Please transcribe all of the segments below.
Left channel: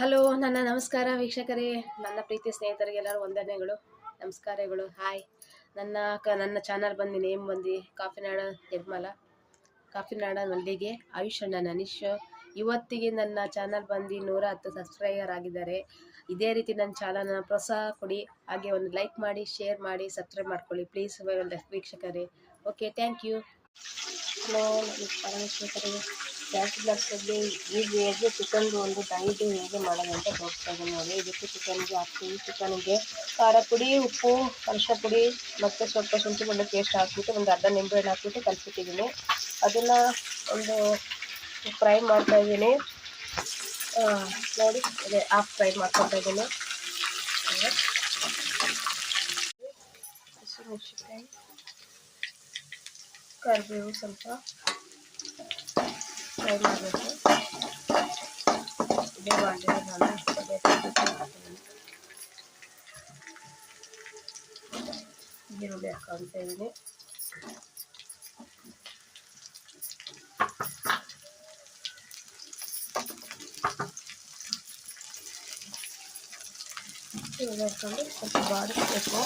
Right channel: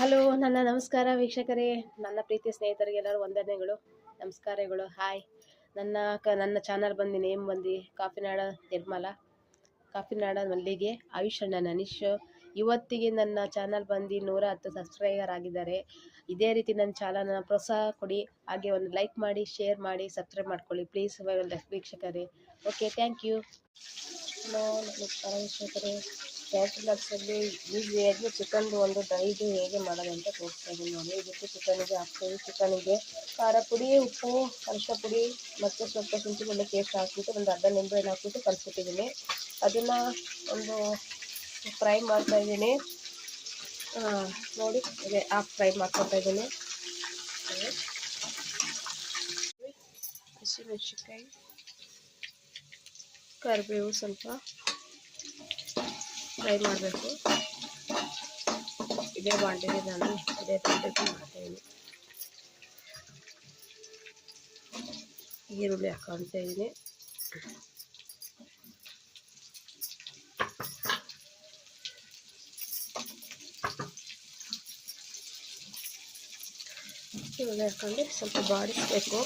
Hello, ನನ್ನ ನಮಸ್ಕಾರ ವೀಕ್ಷಕರೇ. ನನ್ನ ಪ್ರೀತಿ ಸ್ನೇಹಿತರಿಗೆಲ್ಲರೂ ವಂದನೆಗಳು, ನಮಸ್ಕಾರಗಳು. ಹಾಯ್. ನನ್ನ ಚಾನಲ್ ಬಂದು ನೇಮ್ ಬಂದು ಕಾಫಿನಾಡ ನಿರ್ಮಲ, ಕಾಫಿನಾಡ ಮಲ್ಲಿಗೆ, ಆಯುಷ್ ಅಣ್ಣ ಅನೀಶ್. ಇವತ್ತಿಗೆ ನನ್ನ ಚಾನಲ್ ಬಂದು 110 ಸಬ್ಸ್ಕ್ರೈಬರ್ ಆಗಿದ್ದಾರೆ. ಇದೇ ರೀತಿ ನನ್ನ ಚಾನಲ್ನ ಪ್ರೋತ್ಸಾಹ ಕೊಡಿ, ಹಾಗೆ ಒಂದು ಲೈಕ್ ಮಾಡಿ, ಶೇರ್ ಮಾಡಿ, ಸಬ್ಸ್ಕ್ರೈಬ್ ಮಾಡ್ಕೊಳ್ಳಿ ಪ್ಲೀಸ್ ವೀಕ್ಷಕರೇ. Okay, thank you. ಹಲೋ ವೀಕ್ಷಕರೇ, ಬ್ಯಾಚುಲರ್ಸಲ್ಲಿ ಈಸಿಯಾಗಿ ಚಿಕನ್ದು ಒಂದು ಡೈಲಿ ಹೇಗೆ ಮಾಡೋದು ಅಂತ ತೋರಿಸ್ತಾ ಇದ್ದೀನಿ ನೋಡಿ. ಇದಕ್ಕೆ ಚಿಕನಿಗೆ ಹಾಕ್ತೀವಿ. ಚಿಕನಿಗೆ ಖಾರ ಪುಡಿ, ಉಪ್ಪು, ಅರಿಶಿನ ಪುಡಿ ಮತ್ತು ಸ್ವಲ್ಪ ಶುಂಠಿ ಬೆಳ್ಳುಳ್ಳಿ ಪೇಸ್ಟ್ ಹಾಕ್ಬಿಟ್ಟು ಒಂದು ಅರ್ಧ ನಿಂಬೆಹಣ್ಣು ಹಾಕ್ಬಿಟ್ಟು ಕಲಿಸ್ಬಿಟ್ಟಿದ್ದೀನಿ. ಅದನ್ನು ಒಂದು ಫ್ರೈ ಮಾಡ್ತಾಯಿದ್ದೀನಿ ನೋಡಿ. ಅದೇ ಹಾಫ್ ಫ್ರೈ ಮಾಡ್ಕೊತಾ ಇದ್ದೀನಿ. ಹಸಿಮೆಣಸಿನ್ಕಾಯಿ, ಕರಿಬೇವು ಸ್ವಲ್ಪ ಫ್ರೈ ಮಾಡಬೇಕು. ಇದೇ ಬಾಂಡಿಗೆ ನಾನು ಅದೇ ಮಾಡ್ತಾಯಿದ್ದೀನಿ. ಈರುಳ್ಳಿ ಹಾಕೊಳ್ತಾ ಇದ್ದೀನಿ. ಈರುಳ್ಳಿ ಹಾಕೊಂಡು ಸ್ವಲ್ಪ ಬಾಡಿಸ್ಬೇಕು.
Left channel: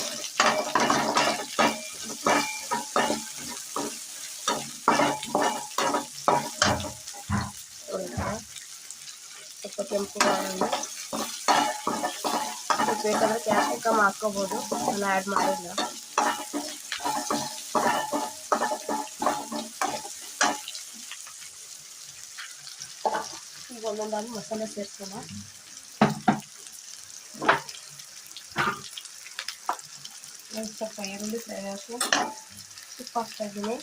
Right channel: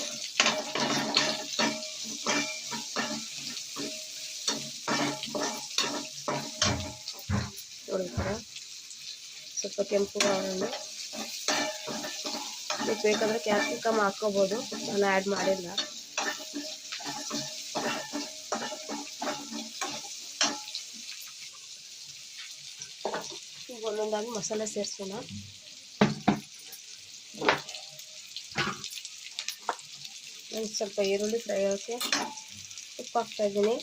ಸ್ವಲ್ಪ ಕೆಂಪು ಮಾಡೋಣ. ಬೇಕಾದ್ರೆ ಕ್ಯಾಪ್ಸಿಕಮ್ ಹಾಕ್ಕೋಬೋದು, ನಾನು ಆ್ಯಡ್ ಮಾಡಿಲ್ಲ. ಈಗ ಒಂದೊಂದಾಗಿ ಮಸಾಲೆ ಸೇರಿಸೋಣ. ಸ್ವಲ್ಪ ಈರುಳ್ಳಿ ಫ್ರೈ ಹಾಕಿ ಉಪ್ಪು ಹಾಕ್ತಾಯಿದ್ದೀನಿ.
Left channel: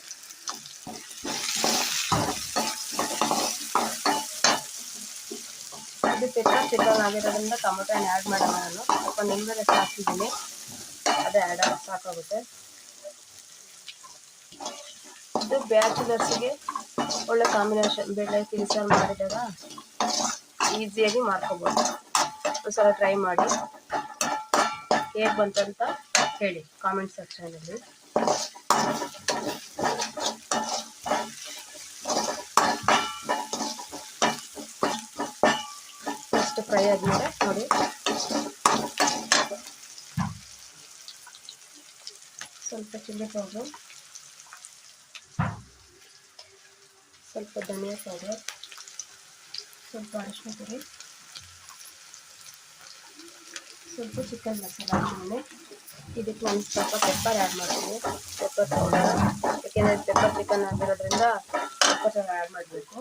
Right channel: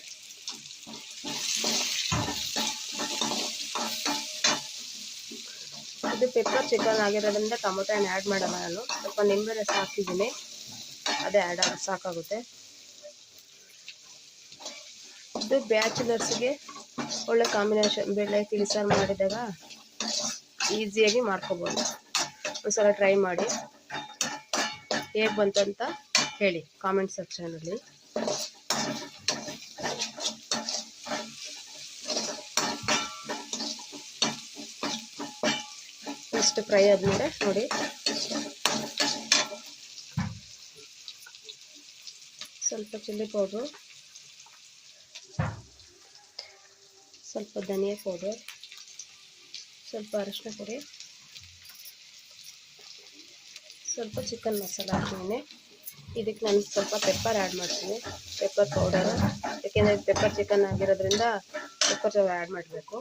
ಇದು ಪೆಪ್ಪರ್ ಚಿಕನ್ ಆಗಿರೋದ್ರಿಂದ ಟೊಮೊಟೊ ಆ್ಯಡ್ ಮಾಡೋಣ. ನಾನು ಸ್ವಲ್ಪ ನಿಂಬೆ ರಸ ಹಾಕ್ತಿದ್ದೀನಿ, ಅದೇ ಆ್ಯಡ್ ಸಾಕಾಗುತ್ತೆ. ಇದು ಬ್ಯಾಚುಲರ್ಸ್ಗೆ ಒಳ್ಳೆ ಕಾಂಬಿನೇಷನ್. ಬೇಳೆ ತಿಳ್ಸಾರು ಮಾಡಿದಾಗ ಈಸಿಯಾಗಿ ಮಾಡ್ಕೋಬೋದು. ಒಂದ್ಸಲ ಟ್ರೈ ಮಾಡಿ, ಹೇಗೆ ಬಂತಂತ ಹೇಳಿ ಕಾಮೆಂಟ್ ಸೆಕ್ಷನಲ್ಲಿ. ಅಷ್ಟು ಫ್ರೈ ಆದಮೇಲೆ ನೋಡಿ ಸ್ವಲ್ಪ ಚಿಲ್ಲಿ ಪೌಡರ್, ಸ್ವಲ್ಪ ಧನಿಯಾ ಪೌಡರ್, ಸ್ವಲ್ಪ ಅರಿಶಿನ ಪುಡಿ, ಸ್ವಲ್ಪ ಚಿಕನ್ ಮಸಾಲ ಹಾಕ್ತೀನಿ. ಇದಕ್ಕೆ ನಾನು ಸ್ವಲ್ಪ ಪೆಪ್ಪರ್ ಆ್ಯಡ್ ಮಾಡ್ತೀನಿ, ಪೆಪ್ಪರ್ ಪೌಡರ್. ಯಾಕೆಂದರೆ ಪೆಪ್ಪರ್ ಚಿಕನ್ ಆಗಿರೋದ್ರಿಂದ ಪೆಪ್ಪರ್ ಆ್ಯಡ್ ಮಾಡಬೇಕು.